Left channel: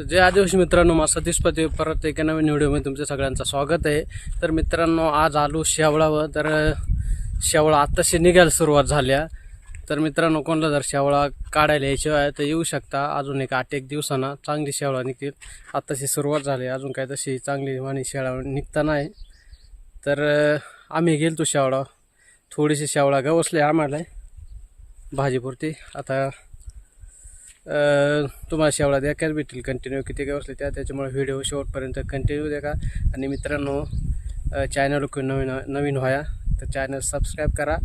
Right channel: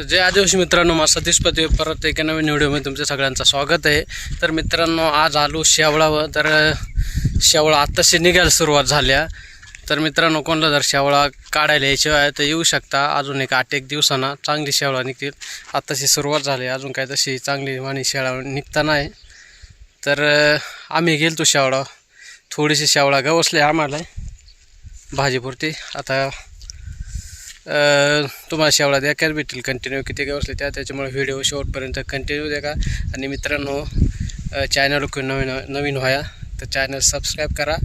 तर जय आदिवासी मित्रांनो माझा सतीश पते परत एका नवीन व्हिडिओमध्ये तुमचं सगळ्यांचं स्वागत आहे. तर मित्रांनो आज आलो शेवळावर. तर शेवळा आत्ताशी निघायला सुरुवात झाल्या. तर मित्रांनो कोणाला जर शेवळा काढायला यायची आहे तर येऊ शकता. अजून एक आठ एक दिवसांना चांगली शेवळा निघतील आत्ताशी सुरुवात झाली. अजून काय तशी चांगली वाणी शेवळा निघता नाही. तर आम्ही गेलतो शेवळा. थोडीशी शेवळा गवसले आम्हाला. भाजीपुरती. आता तुम्हाला शेवळा द्या कॅर भेटेल कंटिन्यू किती काय असले त्या त्याच्यामुळे व्हिडिओ शेवटपर्यंत कंटिन्यू द्या का? आणि मित्रांनो चॅनल नवीन नवीन व्हाया तर चॅनल सबस्क्राईब करा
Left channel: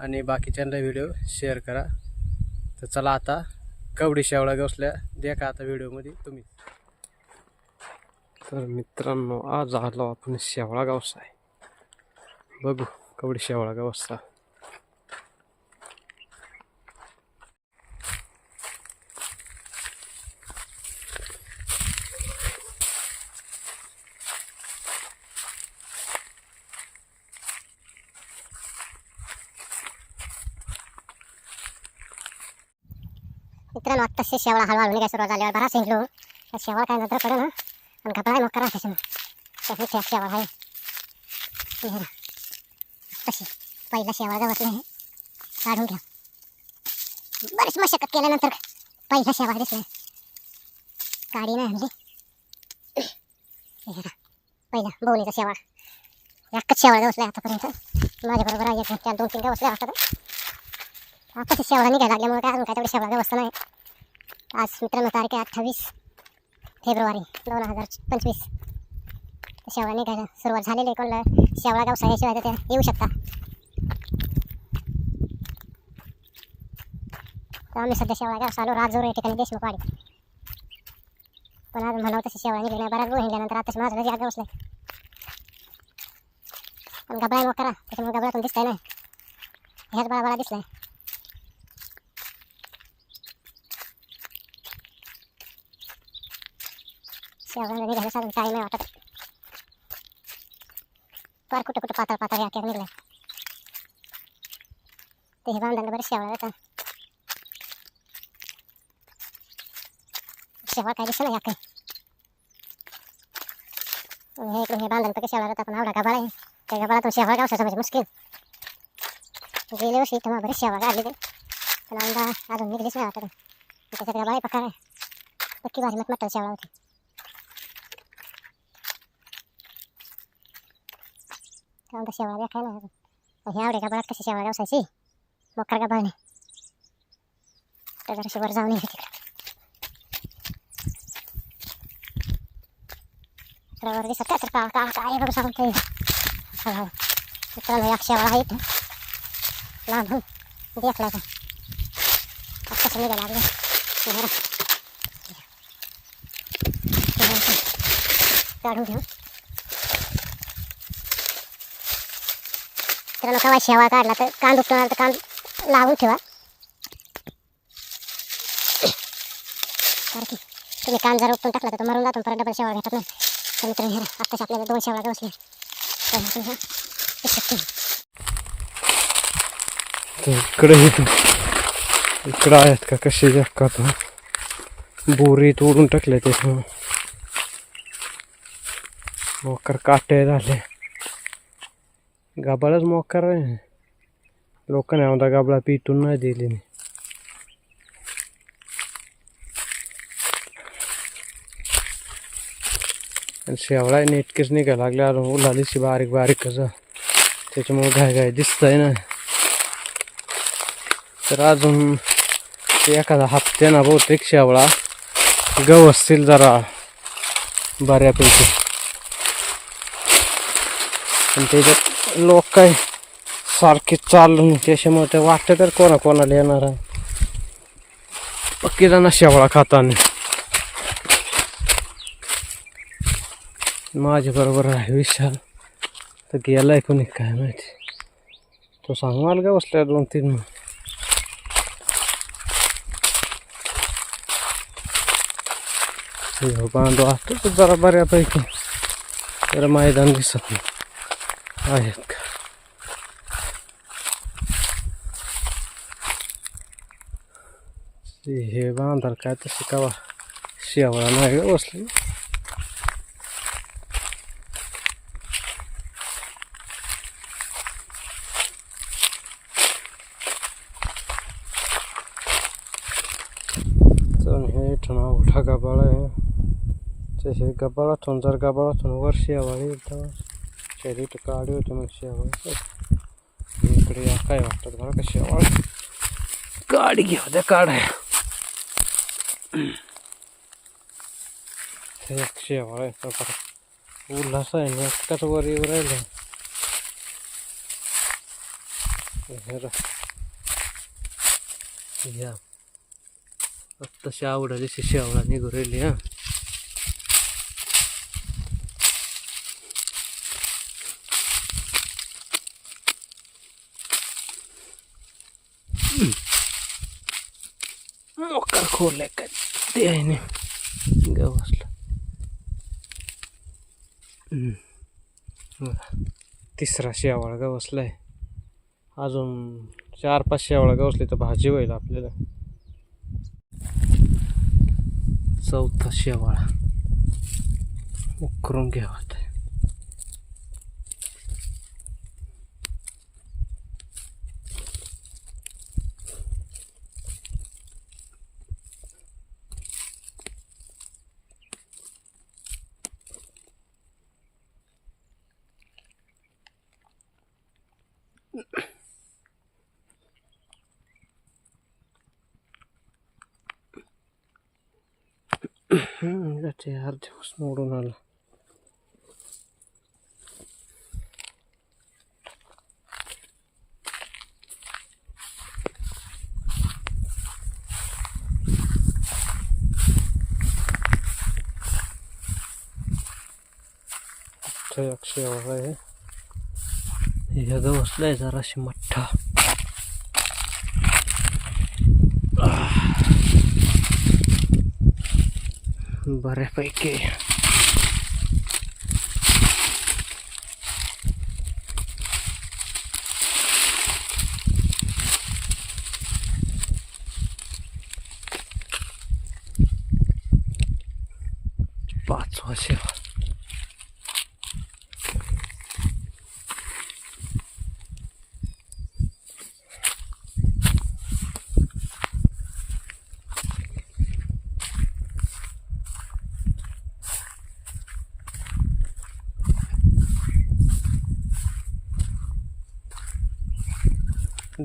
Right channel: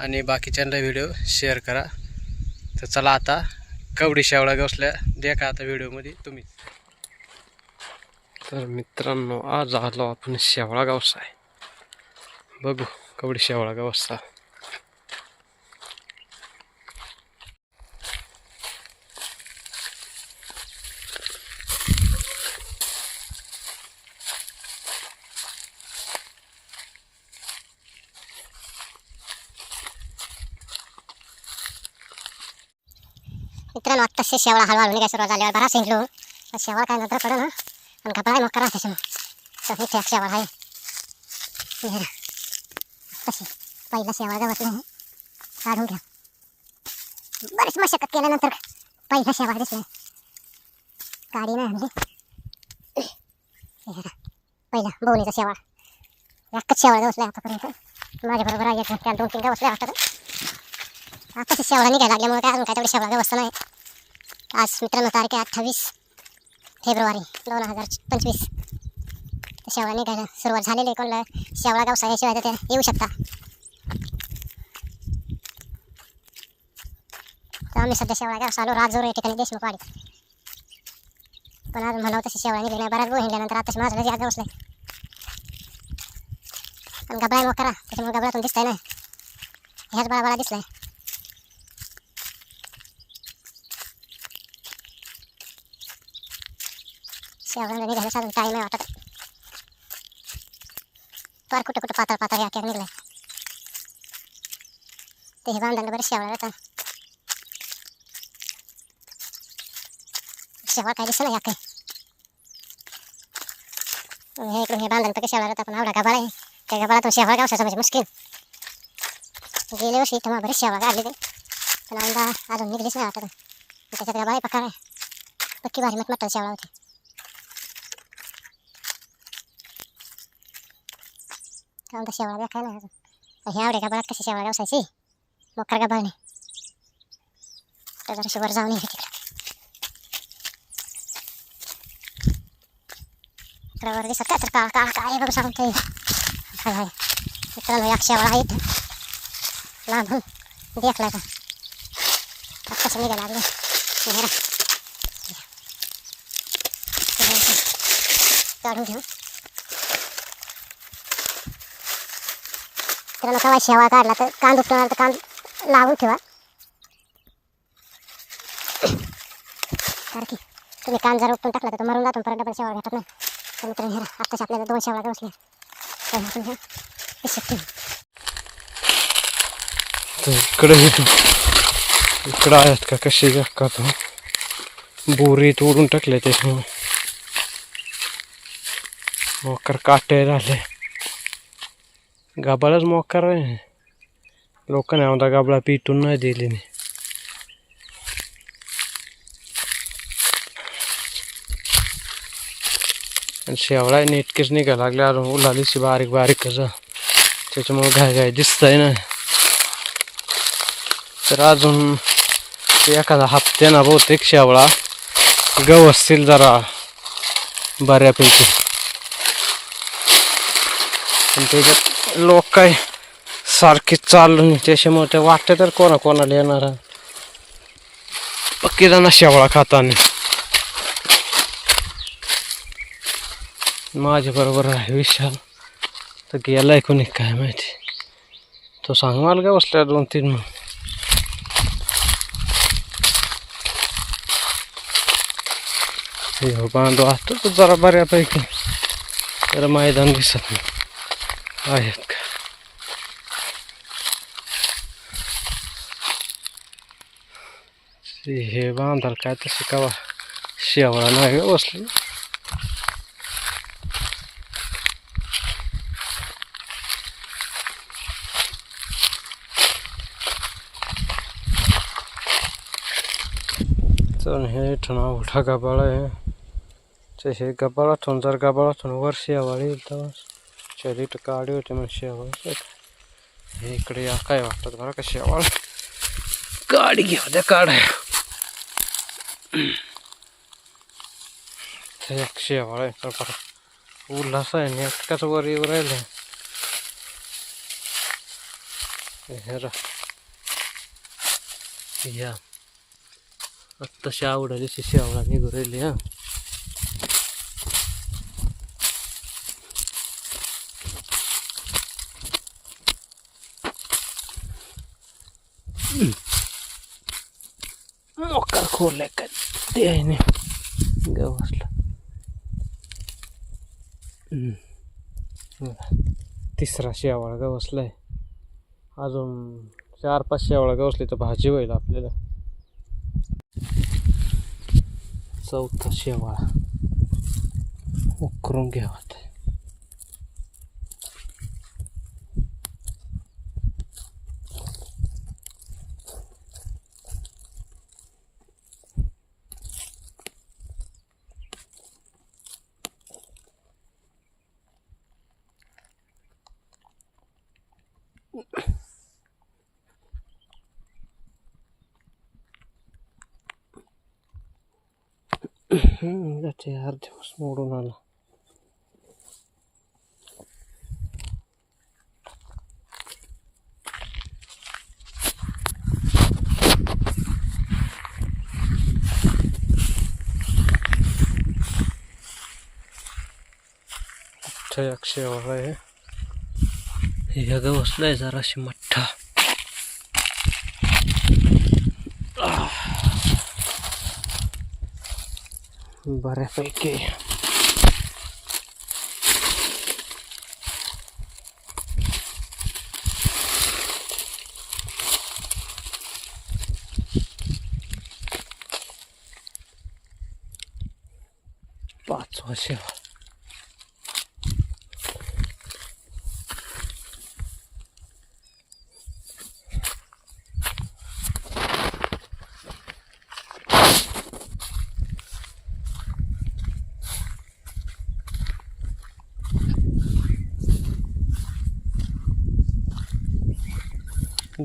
आणि बाकीच्यांना व्हिडिओ शेअर करा. तर चला आता कवडी शेवळा गवसल्या द्या का आता व्हिडिओमध्ये तुम्ही. तर मित्रांनो आज आलो आपण शेवळा गावसा आहे. बघू कवडी शेवळा गावसा मित्रांनो आत्ताच शेवळा हलवा हलवून काय सुरुवात झाल्यावर बरा शिंकलो तर शेवळा काय नंतर पडू ना आणि घबराय मग करा त्याच्यामुळे तर इथे एक शेवळा आहे. तशी ना. आत्ताशी पहिला शेवळा गवत नाही काढून घ्या. बरीच मशक्कत केल्यानंतर पहिला शेवळा दिसला. गाडी नाही आणली. हे ना. पहिला बोनीचा शेवळा. एकच शेवळा बसला आतापर्यंत. माझ्याबरोबर आहे त्या दोन तीन बसल्या वाटतं आता शेवळा निघायला लागल्यामुळे काय अजून काय तेवढी शेवळा व्यवस्था नाही. आज मित्रांनो तारीख आहे अठ्ठावीस फेब्रुवारी दोन हजार पंचवीस. शेवळा निघायला सुरुवात झालेली आहे कोणाला? शेवळा गावसा याशिवाय तर येऊ शकता. तर आम्ही सध्या शेवळा गाव चालू राजोर या ठिकाणी देशमुखवाडी. पण आज म्हणावं तशी शेवळा निघली नाही बऱ्याच गो हिंडल्यानंतर आता माझं लगेच आज बसलाय पण गबळाय मग करा त्याच्यामुळे गबळातून दिसतंय ना ह्याच बळा बळा दिसलाय. शेवगा निघायला साधून टाईम आहे वाटत. पार कुठं कुठं पातळ पातळ याक्या निघलाय. ते हे बांधायला बरं शेवळा येतात शेवळा काय दिसत या काही. हे इकडून हे बांधलं तर शेवळा येतात पण आवडा गबाळ आहे. त्या गबाळातून शेवळा गावसाचा म्हणजे मुश्किल. गेले वर्षी तेव्हा बरेच शेवळा काढली ते पण अंदा अजून निघलीच नाही वाटत. त्याच्यात गबाळ पकार आहे. पक्की भारी मटमट शेवळा होती. काऊन तर शेवळा द्या ना अजून ह्या आवडे का बघत कशी शेवळा गावसायची मोकर का बळणे तर जरा वर जाऊन येते तिकडे इकडे वर दिसत काय तर काळ काळ काय बघू सांगून ते हाय हाय मित्रांनो एक शेवळा आहे इथं लांबून देखला का कसं निघायला लागलं बरं काढून घेऊ मित्रांनो केव्हा शेवा काढला तर कांद उपटणार तर कांद लावून ठेवा. कारण की तुम्ही कांद जर उपटून टाकला तर तो मरून जातो परत डबल शेवा घेतात ना तर मित्रांनो ह्या आत्ताच आपल्याला दोन शेवळा बसल्या तर आपण ह्या इकडं होती इकडं आहेत का कसे का पण बोरी तोडून टाकले ते मोकर काटे झाले. गाबाळच मोकर आहे लोकांनी आमदा गाबळा पिटून नाही दिली नाही आणि शेवळा नेटकेच निघायला लागल्या अजून उलालीशी बारीक बारीक कसं त्याच्यामुळे घाय घाय आहे ना तर अजून एखादा हप्त्यानं बहुतेक शेवळा गवसतील जरा बऱ्यापैकी पण त्याच्यात लोक काय सारखे चालून नाही त्याच्यामुळे ते वाटते तर कोणा कोणाला येणार आहे. पक्की जण शेवळा खाताना. माझ्या बरोबर आहे विशाल. तर गेलाय कोणी काय माहिती. तो सांग मला का बसल्या दोन तीन मग बांधव असतो तर जरा बऱ्यापैकी. जरा मैदान दिसत नाही. आहेत का हे बांधाल काय तसं कवा शेवळा नाही का बसली चल हे ठणा उठा गबाळ आहे हे गबाळ जर गबाळातून वर शेवाळी येतं शरीर काढी होते मग शेवाळ इकडे या काय वाटतात बरं का शेवाळ? काढ घेऊ द्या काढाय हे एक शेवाळ आहे तर बरं. उल्हास आहे आणि एकट्याच वर येऊ राहिले. हे रा या. आत्ताशी आवडाली शेवळा निघू राहिली हा. मोकार खोललाय ते आहे ना. गवसला तिसरा शेवाळ आहे अजून चार पाच शेवाळ गवसले तर भाजी होईल आपल्याला. चौथा शेवाळा. उकरून घ्यावा. ते. हम्म, दिवस मोडून आला अक्षय वाला आहे हे ग आहे जराशी मठ्ठा बऱ्यापैकी पाचवा शेवा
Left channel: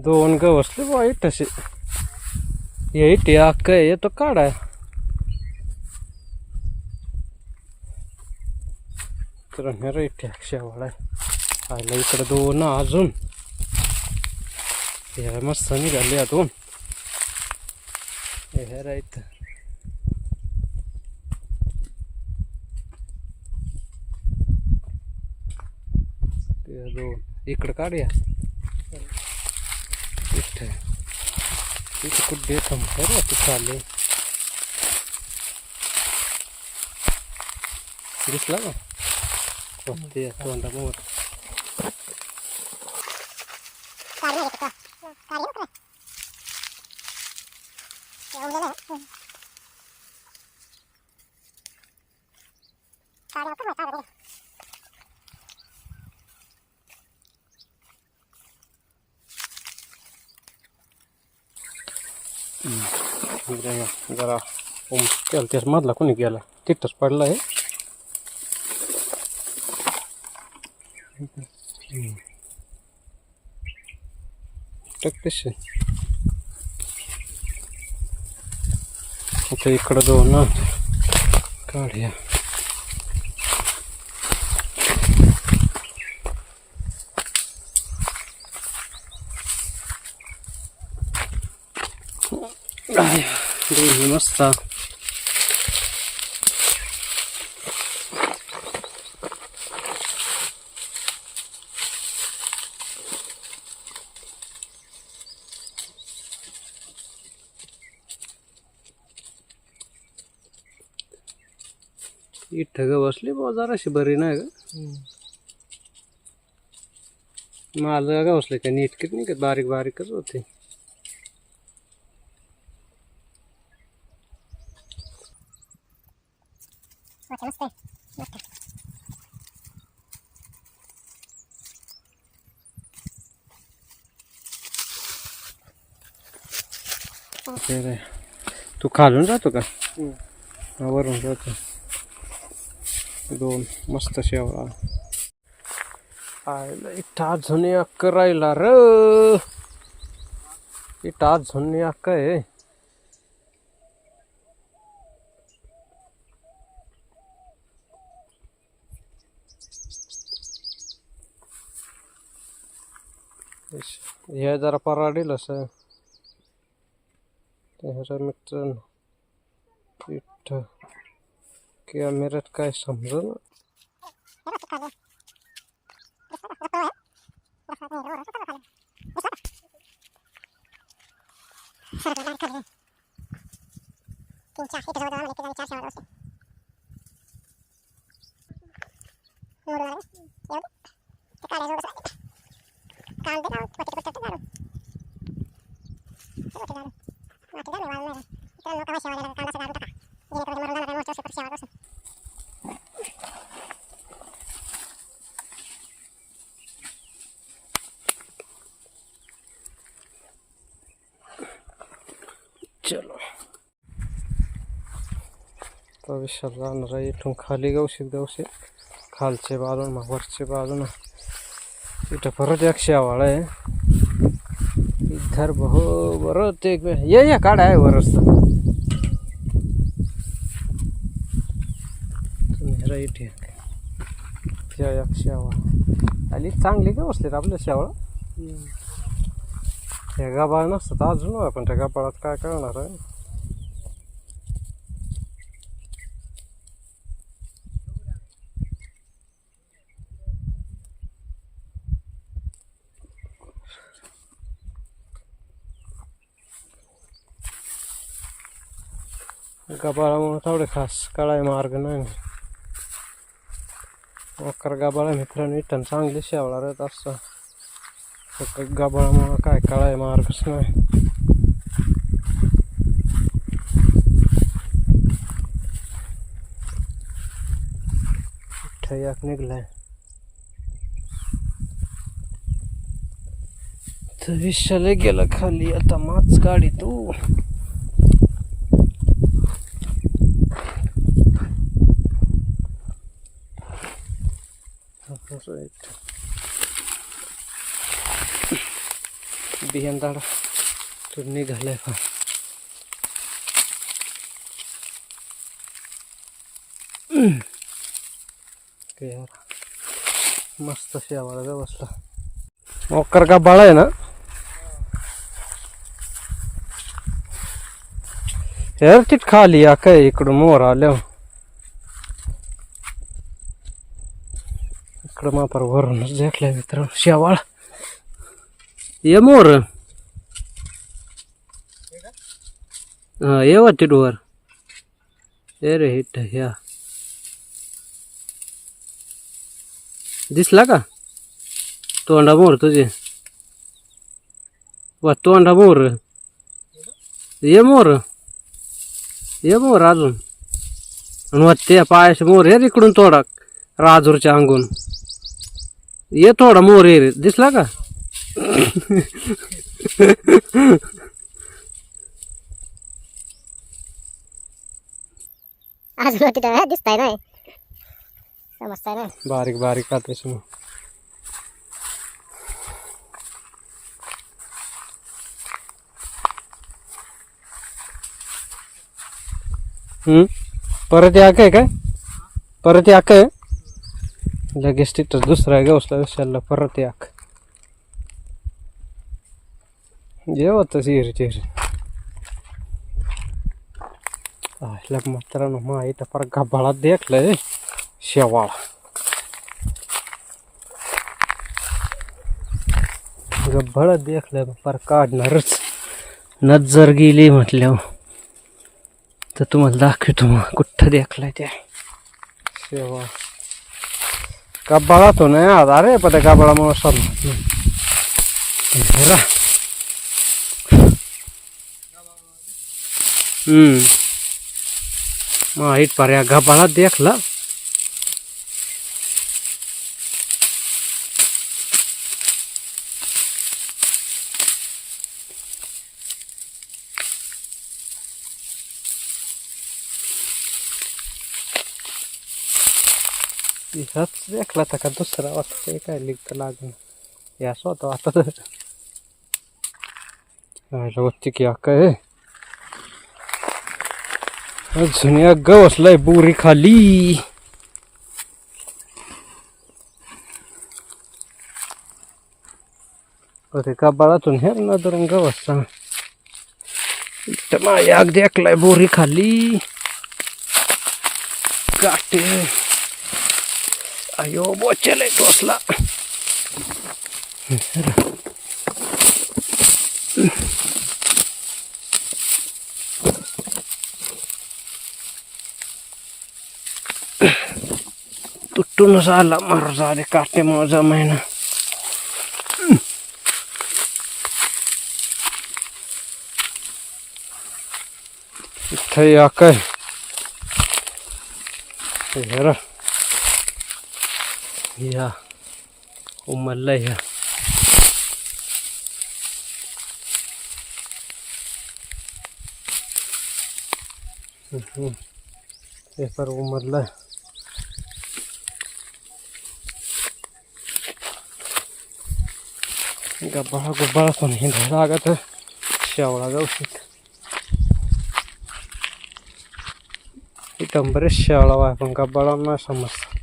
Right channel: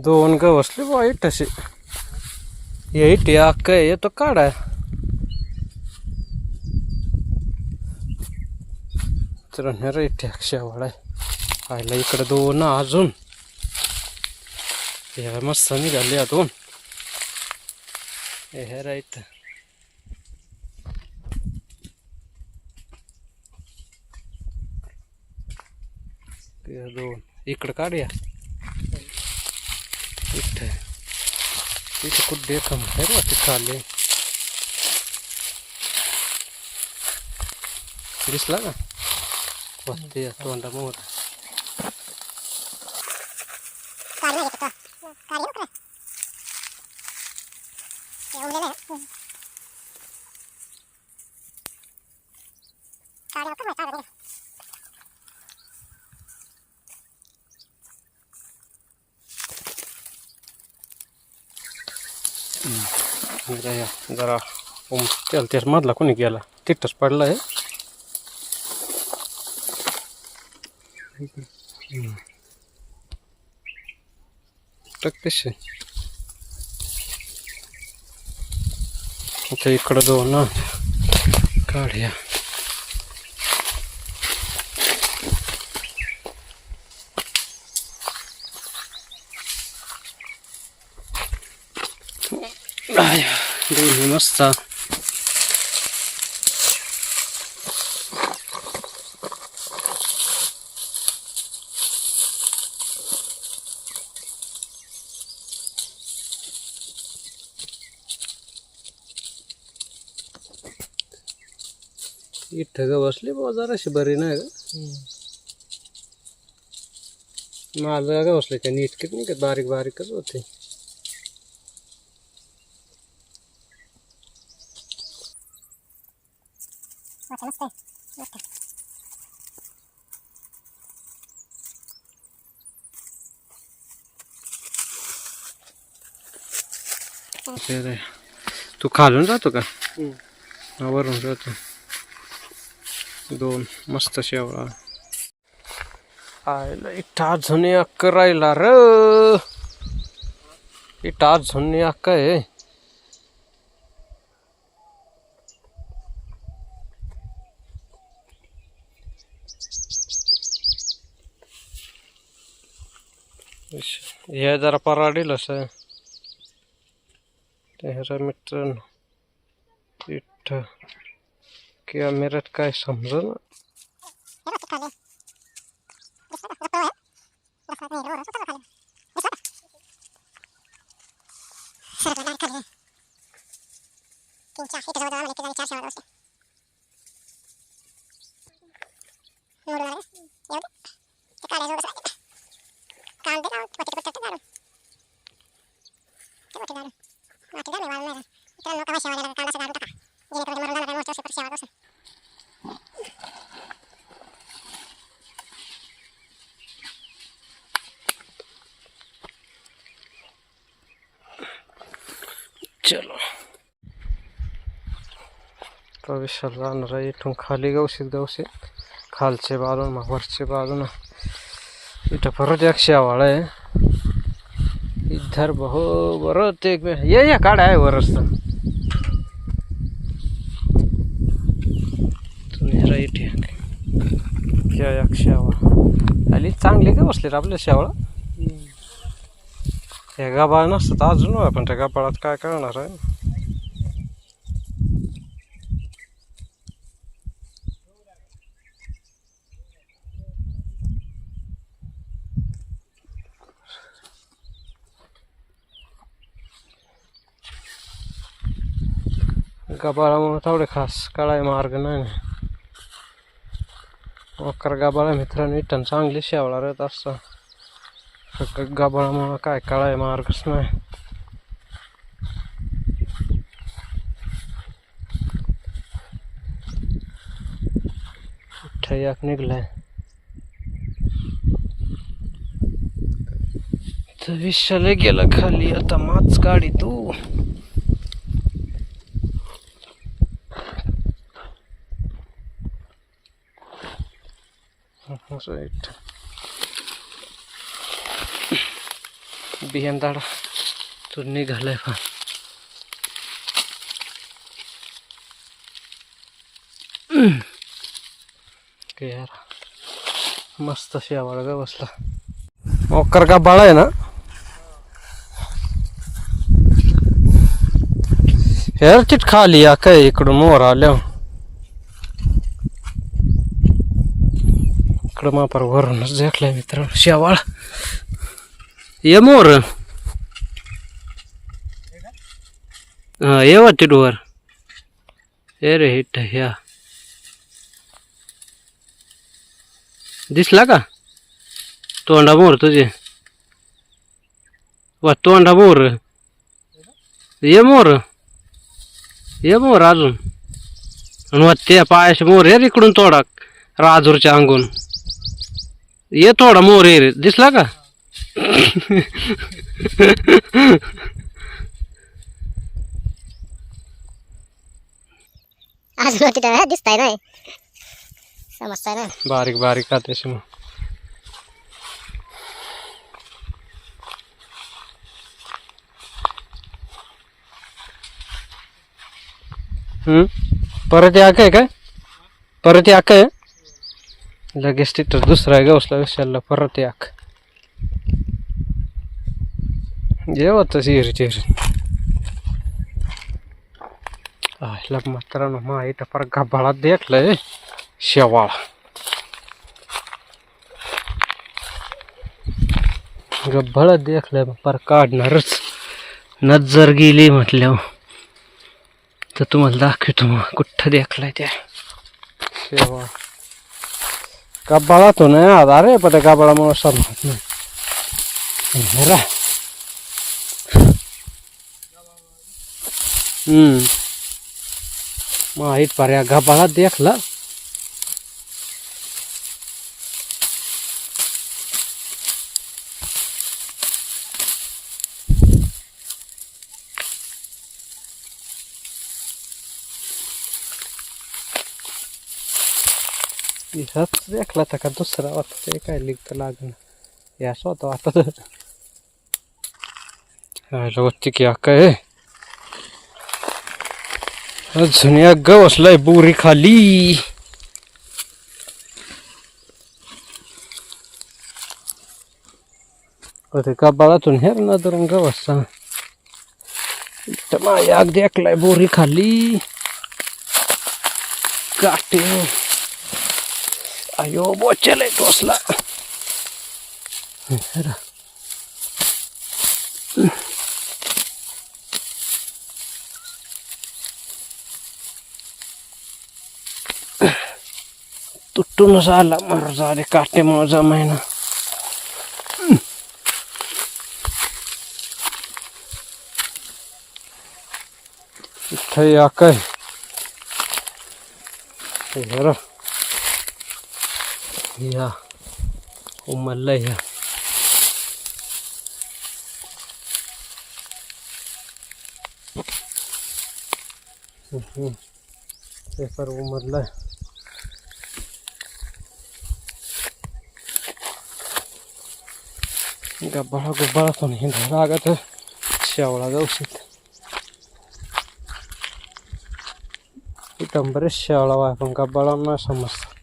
दोन ग बसले वाईट असे येईट अक्क येतो काढाय तर रेट शेवाळा आयला इकडे दोन अजून. हे मस्त निघाले दोन. हे राईट दोन. इकडं काढूया इथे. इथे कुठे कम आहे बा तिथं आले. दिसला का? वरती तोंडा मोर जरा या जरा ओम त्याला त्याच मधला कोणी गेला तिथंच पडला आहे टाक तसे आता इकडं दोन ना काढूया मस्त. इथं ग बसली बुवा जराशी बरी नाही ग. माझं का बसले का नीट किती नाही का बारीक बारीकच होते. अच्छा मस्त आहे मस्त ते रे. तू खालून जातो का? हा, वरून जातो. दोन मस्त शेवळा. आयला इथं अजून अक्क राहिला र. इथं अजून अक्क आहे. हे जरा पराडील असं. त्याच्या मित्रांनो इथं. कॅमेऱ्यात काय समजा ना? हे बघ, खाली. दिसलं का? रस्ता आहे. रस्ता नाही, वर, रस्ता खाली. दिसलं का? सरकला direct खाली. तीन चार इथं जवळ आम्हाला एके जागी चार शेवाळ बसले. मोडून आले. येऊ दे. ते काढायचं एवढंच राहिलं. कांदे लावून, वाटीत कुठं ते घालून. ते वाटीत घालून. वाटीत घालून वाळून नाही. मित्रांनो, केव्हा शेवाळ गेला का कांदा असा घालून टाका. जेणेकरून ते मरून जाणार नाही, मोठं असेल तर शेवाळ बसेल. चलो प्रवेशाला जाणार आहे इथून खाली गवशीत गवशीत खालचे बाजून मग वरचे बाजून इथं परत एक शेवाळ आहे. इधर बहु बरं ते ये या काढ आहे वरच. तुम्ही राईट या एक शेवाळ. आली चांगली का बसली रे आपल्या शेवाळ या गाबाळ नसतात अजून होय, पण त्या गाबाळात काय करणार आहे? गाबाळामुळे तेवढे खास कळाय मार्ग नाही ना वकर गाबाळा मित्रांनो इथं चांगली शेवळा राहत असता फक्त गाबाळामुळं काय कळाय मार्गच नाही ठयाक निघलाय ते विशाले गेला खाली आता माच गाडी तू. राईट बियाण दाडा तो निघालाय पण यार मस्त शेवाळ ग बसला ओकर का बाळा आहे ना? यार चिट खाली या काय इकडून मोर आल्या इकडं मापार वरूनच देखलाय मित्र. शेवाळ. ये मोर. ये वाटते वर ए रे हिट ह्या दिसला का? तोंडा मोर तुझे. वा तोंडा मोर. ये मोर. ये मोर अजून. आणि वा त्या मोर. ये रे इकडून तोडा राजूरच्या अंगून. ये थोडा मोर ये रे दिसला का? तर दिसताय नाही. समजताय नाही बारीक बारीक का त्याची मग हम्म? परत या काय काय? परत या काय लगेच तिथं दुसरा गवसला विसरला परत याक. जेवत हो हिरी चिर आयला मित्रांनो मा इथं फार गबाळात देखलंय शेवाळ. गब्बाळा देखलाय पर काढणारच. नजर गेली म्हटल्यावर. तर तुम्हाला दाखवतो मग कुठं देखलाय त्या. शेवाळ. गब्बाळा तो नाही आता अरे पण त्या गब्बाळामुळे समजत नाही हेरा. हम्म माहीत पर्या गबाळा देखला ह्याच देखला तर का दुसरा होता ते काय लिखत लागलं याच होता आता तर राहिलं होती की काय अजून या गवसलाय बोरी खाली अरे का बाळातून हेर ना तर गवसा माझ्या अगदी ऐकलाय बोरी खाली काटे अयो बोचेलाय टोसला तुटूनच आला मार झाले काटे माझा महिना. इथं या काय? हेरा या उमरला या पेपर उमरला गब्बाळा गुब्बाळा पण हिंडायला लागत शेवळा गवशीत इथं बरेच शेवळा वाय पण गब्बाळा नाही समजतं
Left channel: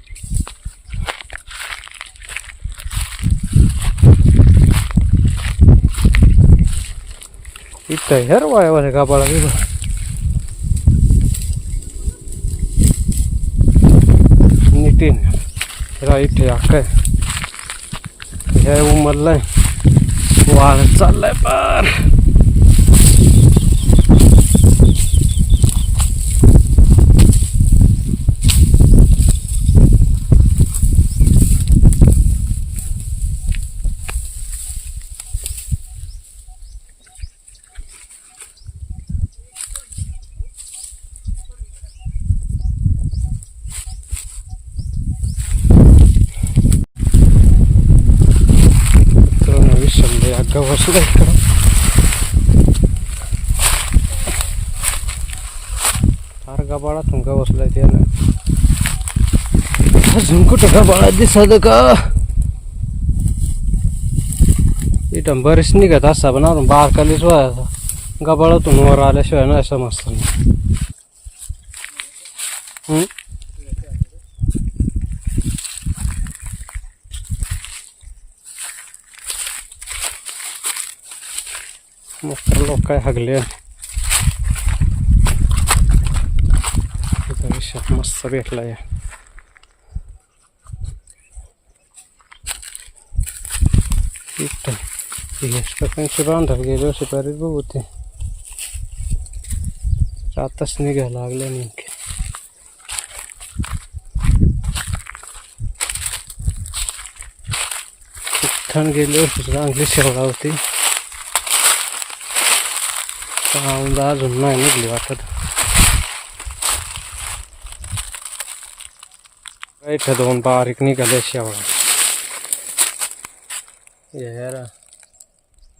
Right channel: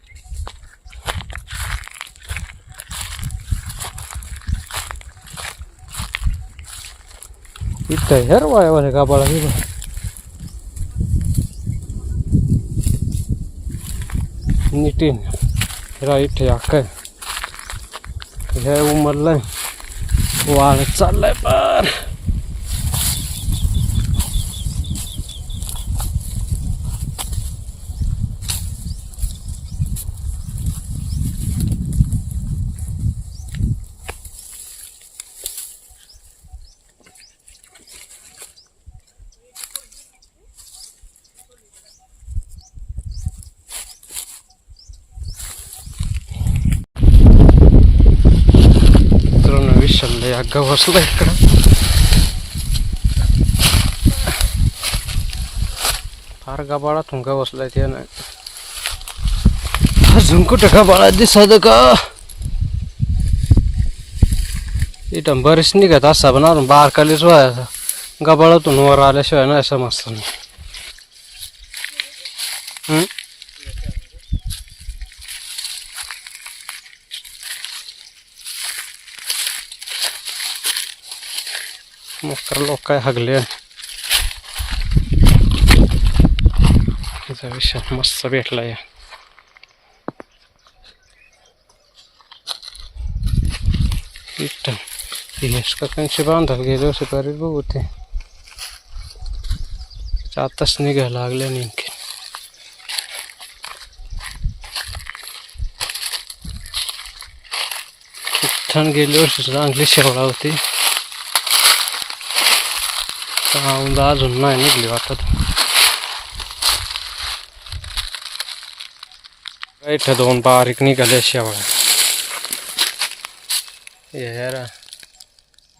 इथं हेर वाय गब्बाळा बिबा नितीन हिरा इथे या काय हे उमरलाय वाढत चाललाय पार मित्रांनो विसरलं या गवसला इकडं. फार गबाळातून बसलाय ते ना. अजून गबाळा दिसत का इथं बरेच निघत असा पण अजून बारकालीच व्हायचा गबाळातून वर आल्याशिवाय नाही समजतं हम्म? मकर लोक काय हगले त्याचा मस्त भेटला या इथं कांशी बांधायला गेले असे बघू ते. आताच निघायला लागले नेमके. इथं गेले वर्षी चांगली शेवळा होती. औंदा अजून नाही निघली वाटत इथं दोन बारीक निघाले शेवळा. यार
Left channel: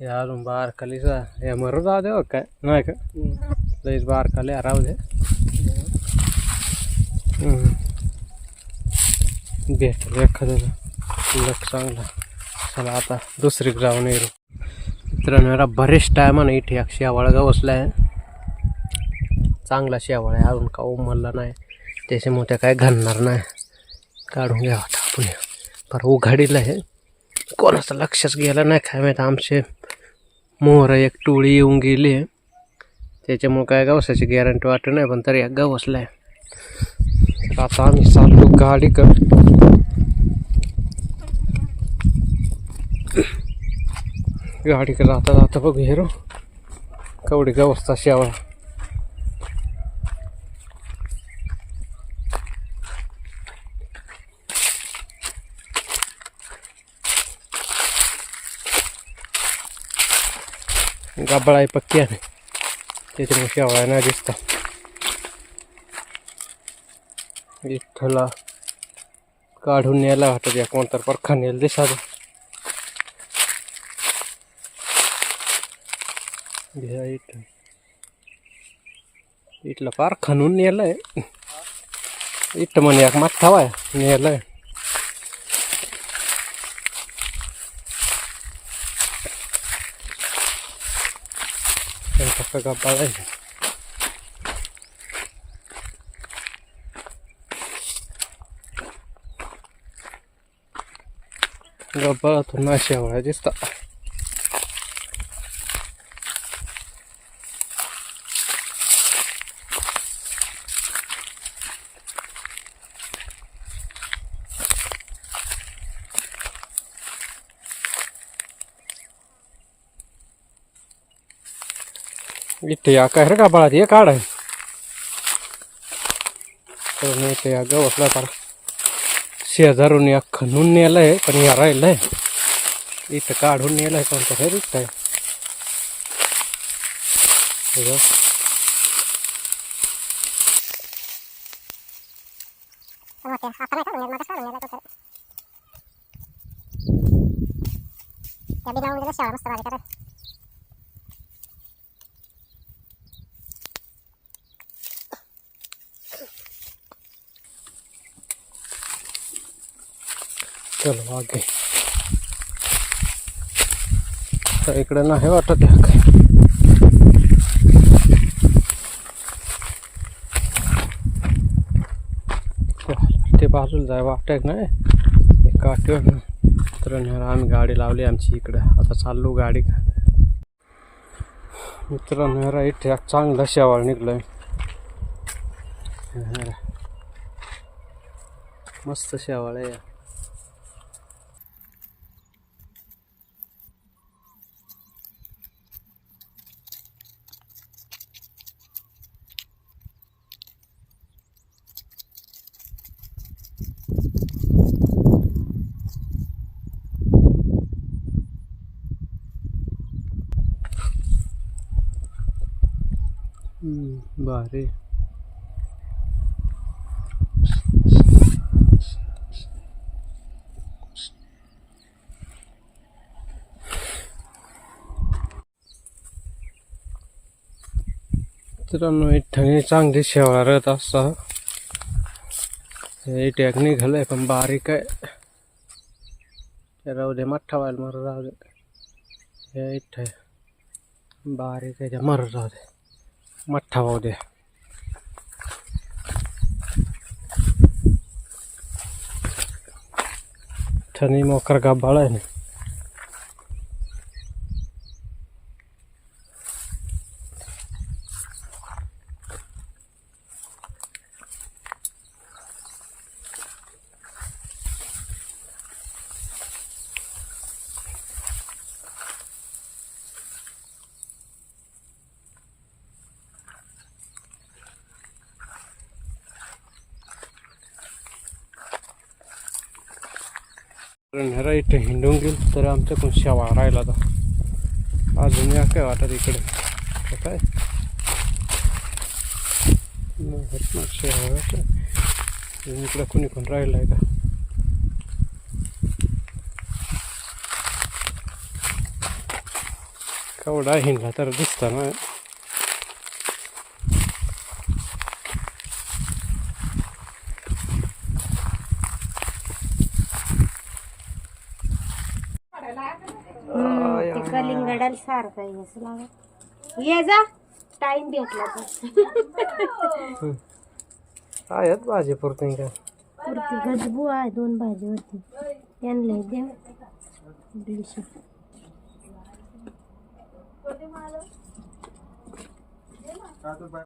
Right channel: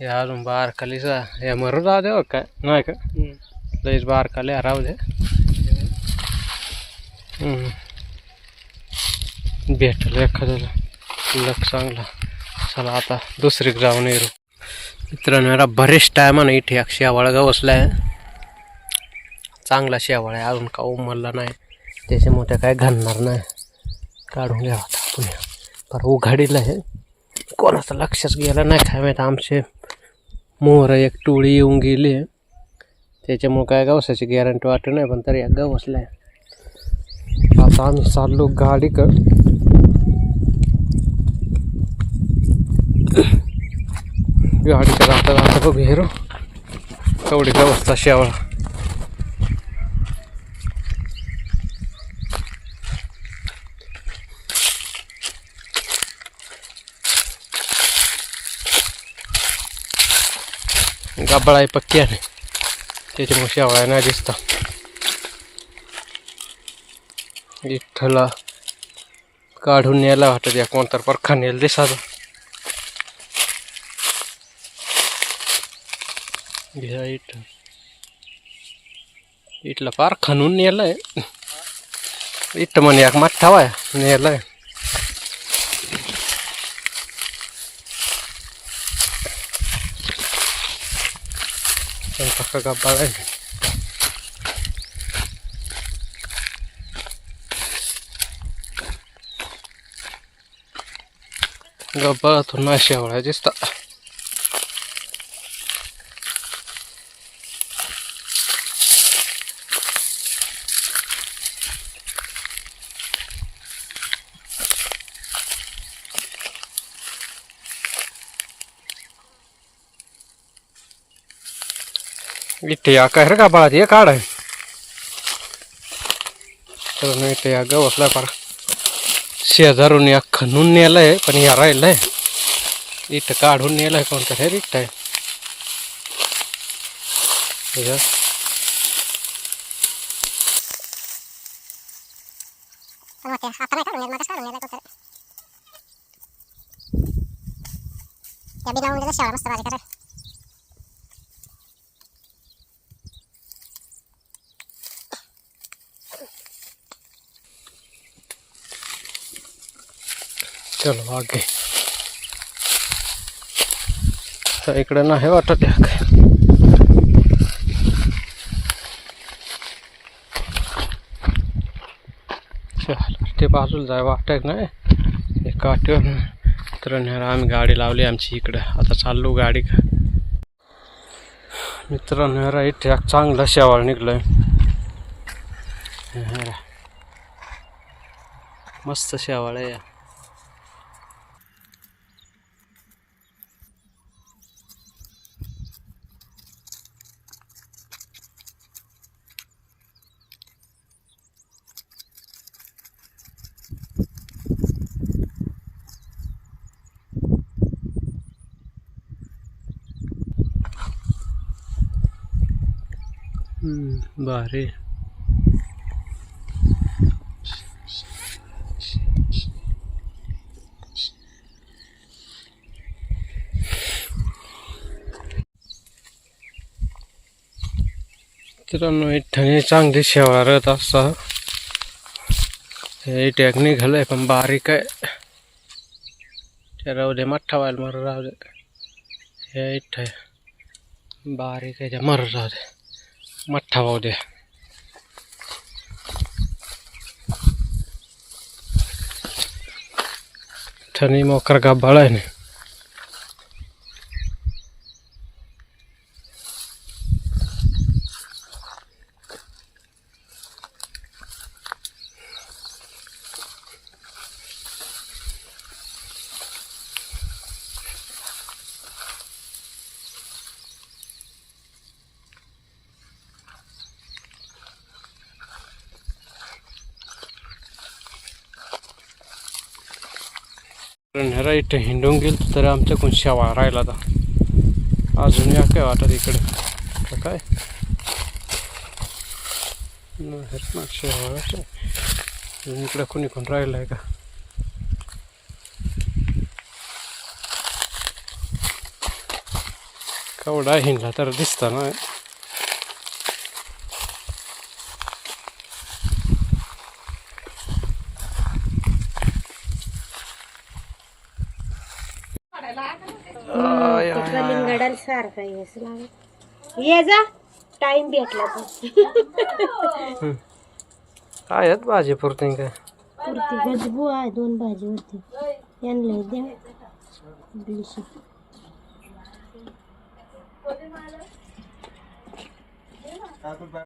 हे अजून बार खालीचा हे मरू राहू दे हो काय? नाही का? लईच बार खाली राहू दे. भेटलं एखाद्याला. लक चांगला. चला आता दुसरीक जाऊन येऊ मित्रांनो याला बरेच टायमानं इथे. एक शेवाळ आहे चांगला शेवाळ आहे. अजून का उमरला नाही. त्याच्यामुळे त्या काय घालणार नाही. काढून घ्यावा आपण. पर उघाडीला आहे. कोणाचं लक्षच गेलं नाही काय माहीत. आमचे मोहर एक टोळी येऊन गेली आहे. त्याच्यामुळे काय गवसाची गॅरंटी वाटत नाही पण तरी एक गवसलाय आता आम्ही चाललो गाडी गाडीच्या जाता जाता बघू हिरो कवडी गवसता शेवळा. गाबळा आहे पक्की आहे. त्याच्यामुळे शेवळा नाही दिसता. विठ्ठला काढून न्यायला वाटत या कोणतर परखा नेल दिसाच घ्या इट. इटला फार खणून नेलाय. इट म्हणे एक माठावाय नेलाय. पक्का गप्पा आहे गप्पा थोडा शेवळा दिसता. इथे या काय रे का बाळा ये काढ आहे इथे या गवसला पार शेजारून या खणून नेलाय पण या राहिलंय इथं काढून नेलाय कोणतं हे रिक्त आहे हे पण मग ते आता नाही काढून मगच काढून नेला तो खरं त्या बिना उंडीचा शेवाळ मस्त भाजी करा चलो आगे। इकडे नाही वाटत या काय? चल, ते बाजूला जाय वाटत नाही हे? काठीवर. तर आम्ही गाडी लावली आमची इकडे. आता चाललो गाडी. मित्रांनो ह्या इथे चांगलं चांगला शेवाळ निघलोय. मस्त शेवाळ आहे भारी मित्रांनो इथं चांगली शेवारत राहत असा हे टॅग निघालंय पण बारीक आहे ते राहू दे मठ्ठा व्हायला मर राहू दे. हे इथं बारीक आहे त्या मर राहू दे. मोठा भाऊ दे ठनी मोकर गाबाळ इथे हिंडून गेल तर आमच्याकडून शेवा राहिला तर अजून या काय वाटत इकडे? काय? न, इकडे कोणी कोण राहिलं आहे का? केवढा हिंडला तर दिसता ना सारखा असं लागत ये जा. टाइम भेटला तर आहेत भाजी पुरते काय? पुरती. गजबू आहे दोन भाजीवरती यांना द्या. दीडशे